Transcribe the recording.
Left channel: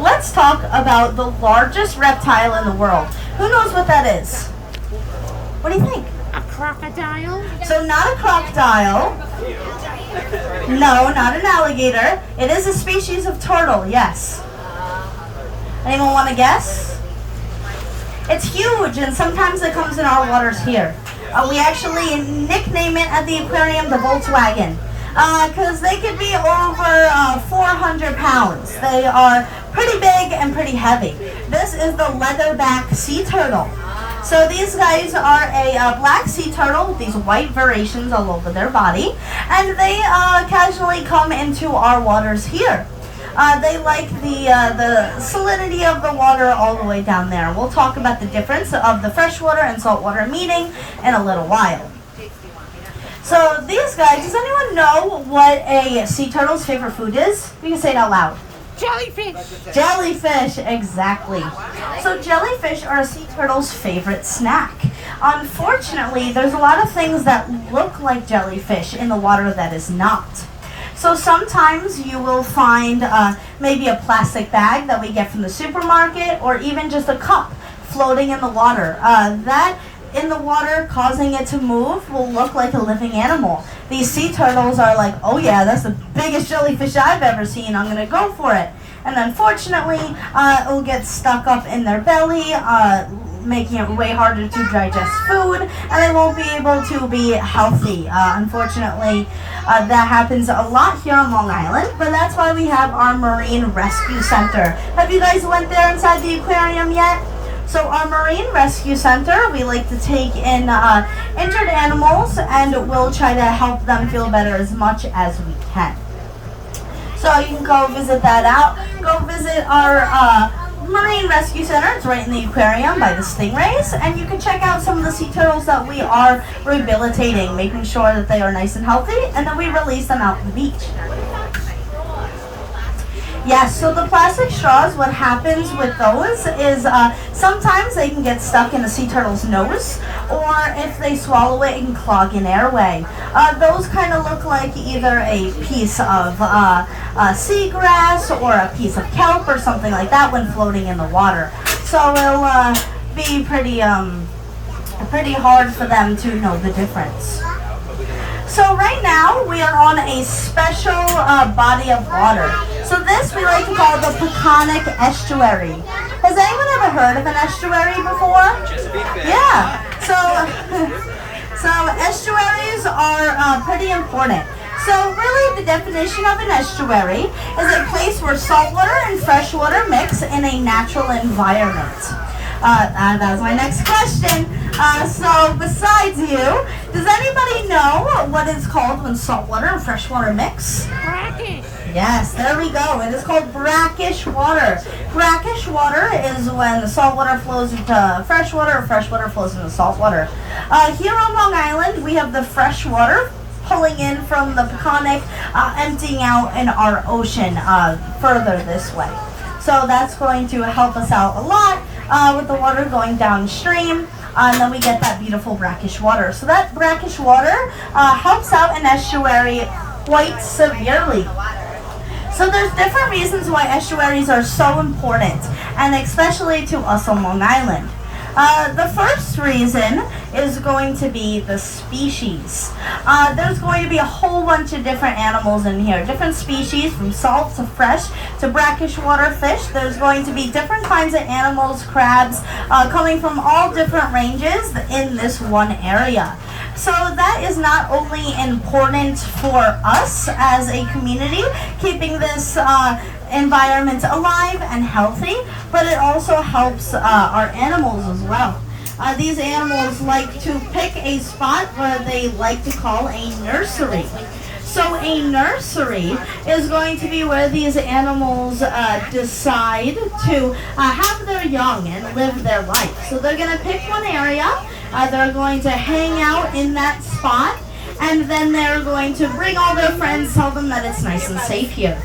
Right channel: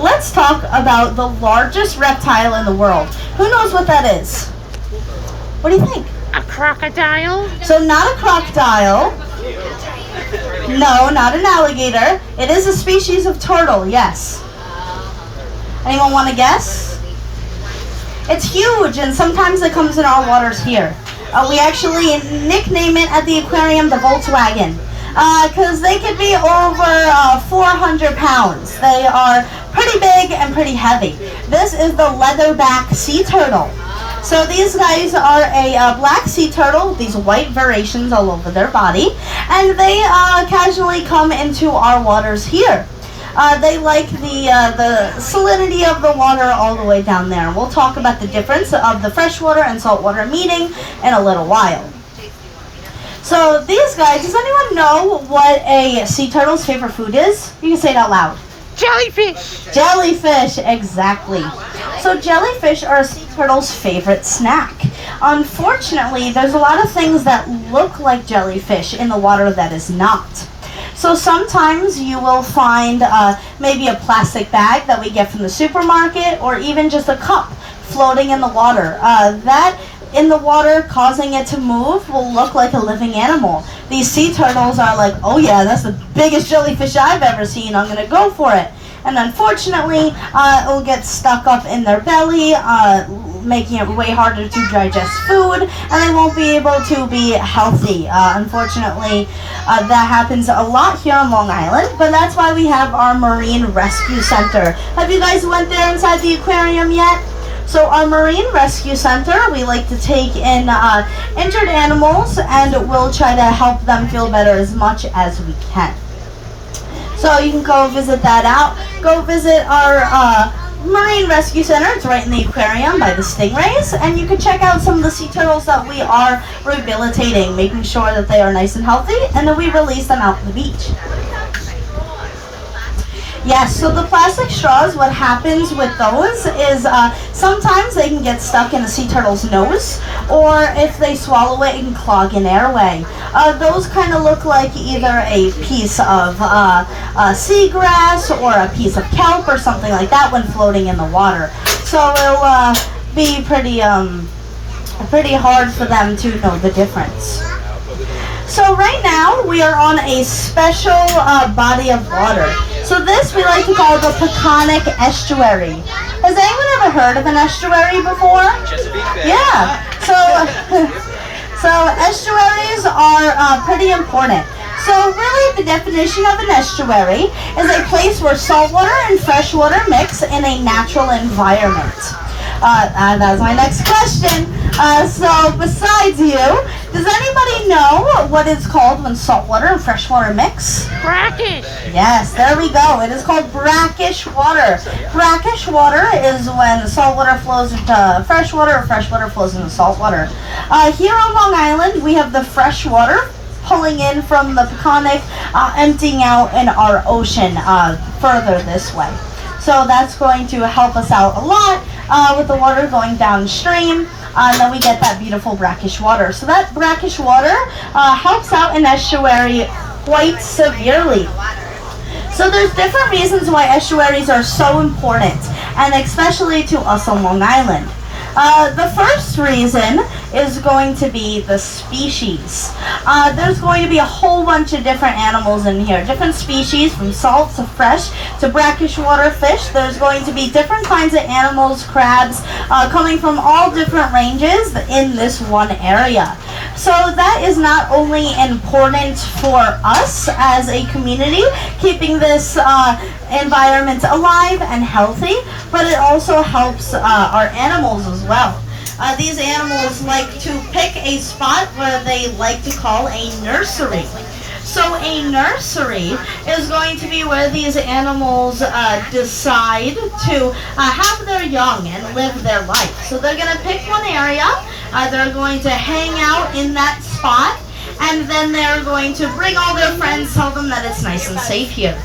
let's talk about the largest reptile in the world. Who knows what that is? What do you think? A crocodile? So not a crocodile. No, not an alligator. It is a species of turtle, yes. Anyone want to guess? It's huge, and sometimes it comes in our waters here. We actually nickname it at the aquarium the Volkswagen, because they can be over 400 pounds. They are pretty big and pretty heavy. This is the leatherback sea turtle. So these guys are a black sea turtle with these white variations all over their body, and they casually come into our waters here. They like the salinity of the water all the way down there. And we'll talk about the difference of the freshwater and saltwater meeting in a little while. So these guys, does anyone know what a sea turtle's favorite food is? You can say it out loud. Jellyfish. Jellyfish, exactly. So jellyfish are a sea turtle's favorite snack. Unfortunately, there's a lot of things that look like jellyfish in the water that is not. So sometimes you will find maybe a plastic bag that we get from the supermarket, or even just a cup floating in the water. That in the water, causing it to move, will look like a living animal. These sea turtles are like, oh yeah, that's the biggest jellyfish I've ever seen, I'm gonna go for it. And unfortunately, it will get stuck up in their belly, making it way harder to digest food, and they won't be able to be healthy. Unfortunately, that happens a lot here on Long Island, but that's why we have our Marine Rescue Center. Have you guys went there inside the aquarium yet? So our Marine Rescue Center, we like to take in injured animals, and we'll try to help them feel better as much as we can. So you can go visit that out. Go visit our Marine Rescue Center. It's right in the aquarium by the stingrays, and you can check out some of the sea turtles that we are rehabilitating, making sure that they are nice and healthy, and then we release them out to the beach. Yes, so the plastic straws, what happens with those is sometimes they can get stuck in the sea turtle's nose, or if they swallow it, it can clog an airway. Those kind of look like either a piece of seagrass or a piece of kelp or something like that when floating in the water. So it'll be pretty hard for them to know the difference. So right now we are on a special body of water. So this we like to call the Peconic Estuary. Has anyone ever heard of an estuary before? Yeah. So estuaries are pretty important. So really the definition of an estuary is a place where saltwater and freshwater mix in a natural environment. That's my next question. So besides you, does anybody know what it's called when saltwater and freshwater mix? Brackish. Yes, there we go. It is called brackish water. Brackish water is when saltwater flows into freshwater or freshwater flows into saltwater. Here on Long Island, we have the freshwater pulling in from the Peconic, emptying out in our ocean further this way. So that's going to help us out a lot with the water going downstream, and then we get that beautiful brackish water. So that brackish water helps out an estuary quite severely. So there's different reasons why estuaries are so important, and especially to us on Long Island. The first reason is going to be the species. There's going to be a whole bunch of different animals in here, different species from salt to fresh to brackish water fish. There's going to be different kinds of animals, crabs, coming from all different ranges in this one area. So that is not only important for us as a community, keeping this environment alive and healthy, but it also helps our animals as well. These animals like to pick a spot where they like to call a nursery. So a nursery is going to be where these animals decide to have their young and live their life. So they're going to pick one area, they're going to hang out in that spot, and then they're going to bring all their friends, tell them that it's nice and safe here.